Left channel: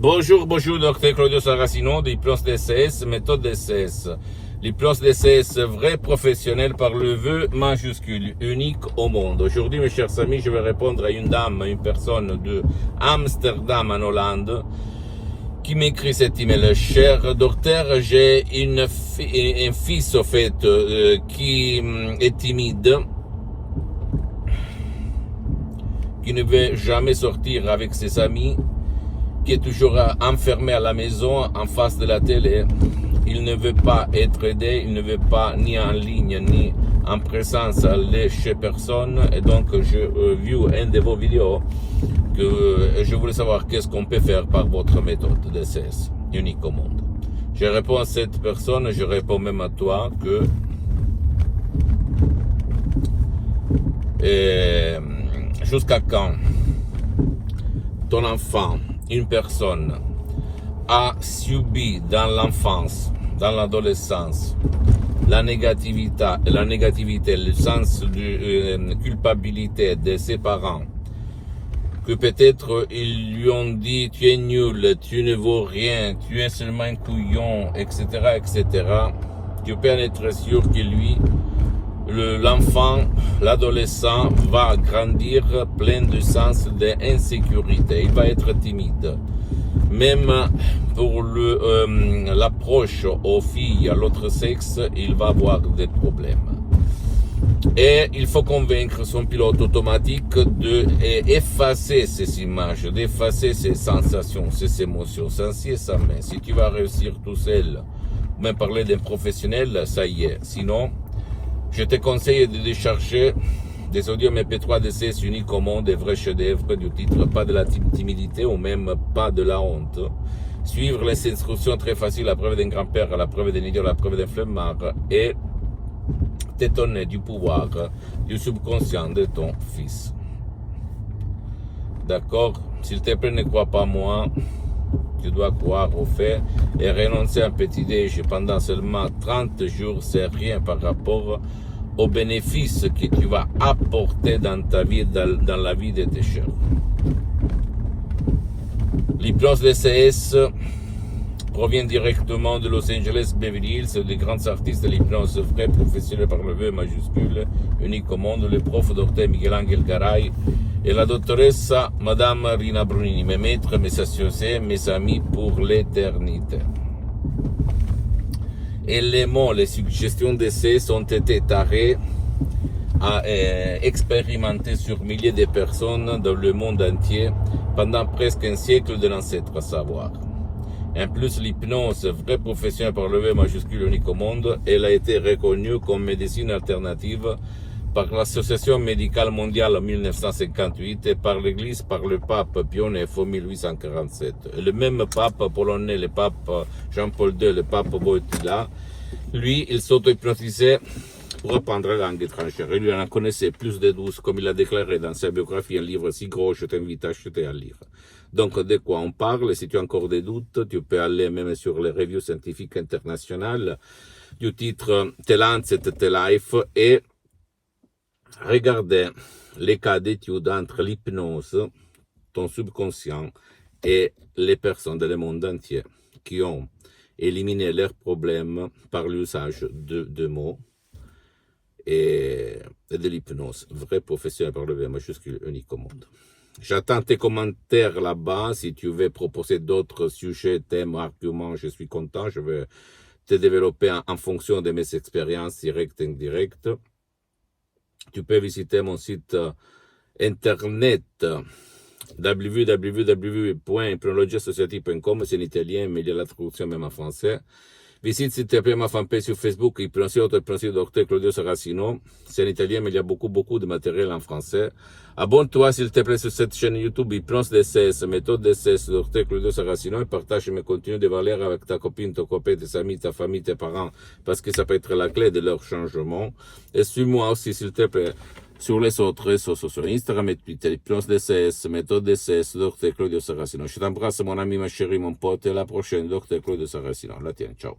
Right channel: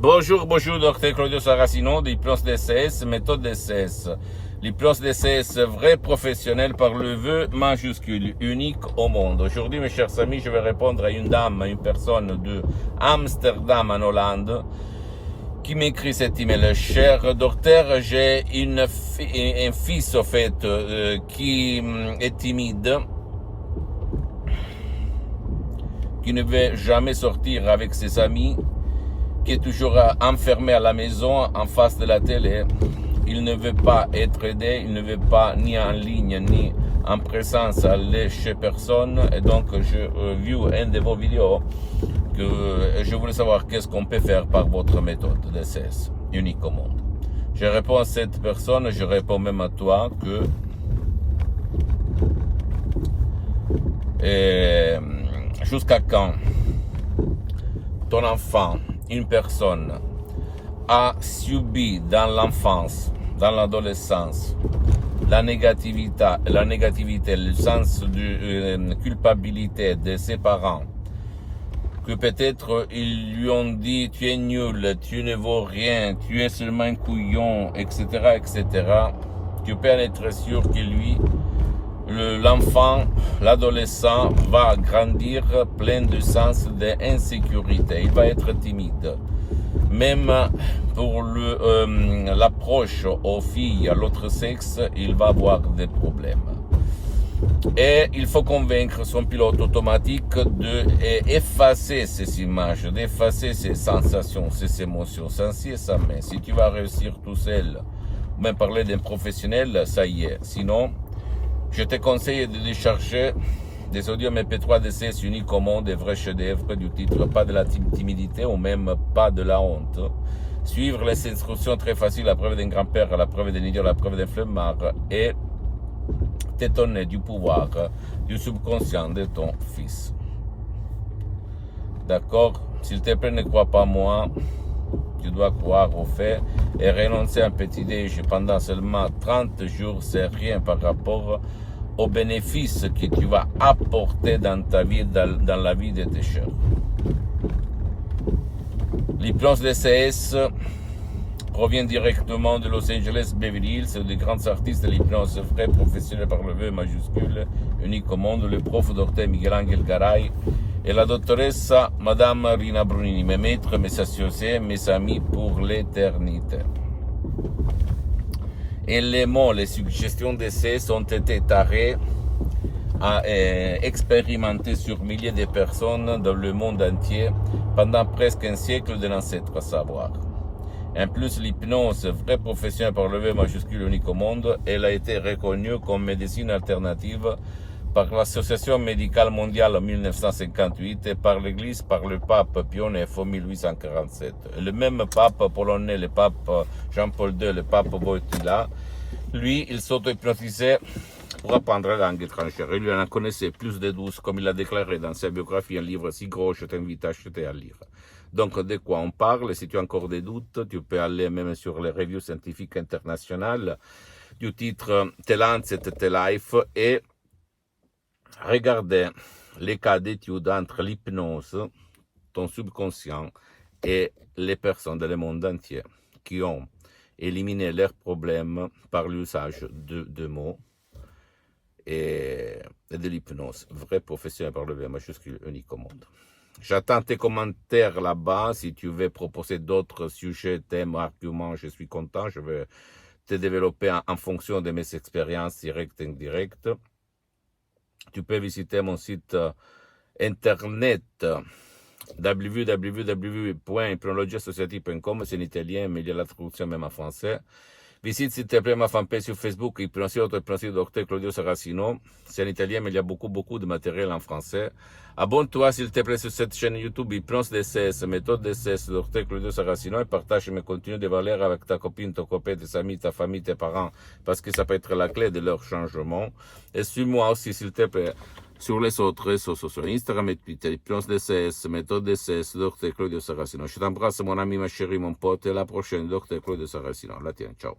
Bonjour, docteur Claudio Saracino, l'hypnose DCS, méthode DCS. L'hypnose DCS, vrai professionnel par le vœu majuscule, unique au monde. Aujourd'hui, mes chers amis, je vais répondre à une dame, une personne de Amsterdam en Hollande, qui m'écrit cet email. Cher docteur, j'ai un fils, au fait, qui est timide, qui ne veut jamais sortir avec ses amis, qui est toujours enfermé à la maison en face de la télé. Il ne veut pas être aidé, il ne veut pas ni en ligne ni en présence aller chez personne. Et donc je vu un de vos vidéos que je voulais savoir qu'est-ce qu'on peut faire par votre méthode DCS, unique au monde. Je réponds à cette personne, je réponds même à toi que jusqu'à quand ton enfant, une personne, a subi dans l'enfance, dans l'adolescence, la négativité, le sens de culpabilité de ses parents, que peut-être ils lui ont dit tu es nul, tu ne vaux rien, tu es seulement un couillon, etc., etc. Tu peux en être sûr que lui, l'enfant, l'adolescent va grandir plein de sens d'insécurité. Il va être timide. Même pour l'approche aux filles, à l'autre sexe, il va avoir des problèmes. Et il faut convaincre son pilote automatique d'effacer ces images, d'effacer ces sensations, ces émotions, sans ci et sans mais. Si tu vas réussir tout seul, même parler d'un professionnel, ça y est. Sinon, je te conseille de décharger des audios MP3 DCS uniques au monde, des vrais chefs-d'œuvre du titre, pas de la timidité ou même pas de la honte. Suivre les instructions très faciles, la preuve d'un grand-père, la preuve d'un idiot, la preuve d'un flemmard, et t'étonner du pouvoir du subconscient de ton fils. D'accord? S'il te plaît, ne crois pas moi. Tu dois croire au fait et renoncer à un petit déj pendant seulement 30 jours, c'est rien par rapport aux bénéfices que tu vas apporter dans ta vie, dans la vie de tes chers. L'hypnose DCS provient directement de Los Angeles, Beverly Hills, des grands artistes de l'hypnose vrai professionnel par le vœu majuscule, unique au monde, le prof docteur Miguel Angel Garay et la doctoressa Madame Rina Brunini, mes maîtres, mes associés, mes amis pour l'éternité. Et les mots, les suggestions d'essais ont été tarés à expérimenter sur milliers de personnes dans le monde entier pendant presque un siècle de l'ancêtre savoir. En plus, l'hypnose, vraie profession par le V majuscule unique au monde, elle a été reconnue comme médecine alternative par l'Association médicale mondiale en 1958 et par l'Église, par le pape Pie IX en 1847. Le même pape polonais, le pape Jean-Paul II, le pape Wojtyła, lui, il s'auto-hypnotisait pour apprendre la langue étrangère. Il lui en connaissait plus de 12, comme il a déclaré dans sa biographie, un livre si gros, je t'invite à acheter à lire. Donc, de quoi on parle? Si tu as encore des doutes, tu peux aller même sur les reviews scientifiques internationales du titre The Lancet, The Life et regarder les cas d'études entre l'hypnose, ton subconscient et les personnes dans le monde entier qui ont éliminé leurs problèmes par l'usage de mots et de l'hypnose. Vrai professionnel par le V majuscule unique au monde. J'attends tes commentaires là-bas. Si tu veux proposer d'autres sujets, thèmes, arguments, je suis content. Je vais te développer en fonction de mes expériences directes et indirectes. Tu peux visiter mon site internet www.hypnologiassociative.com, c'est en italien, mais il y a la traduction même en français. Visite s'il te plaît ma fanpage sur Facebook, Hypnosie Docteur Claudio Saracino. C'est en italien, mais il y a beaucoup de matériel en français. Abonne-toi s'il te plaît sur cette chaîne YouTube, Hypnose DCS, méthode DCS, Docteur Claudio Saracino, et partage mes contenus de valeur avec ta copine, ton copain, tes amis, ta famille, tes parents, parce que ça peut être la clé de leur changement. Et suis-moi aussi s'il te plaît sur les autres réseaux sociaux, Instagram et Twitter, Hypnose DCS, méthode DCS, Docteur Claudio Saracino. Je t'embrasse mon ami, ma chérie, mon pote, et à la prochaine, Docteur Claudio Saracino. La tienne, ciao.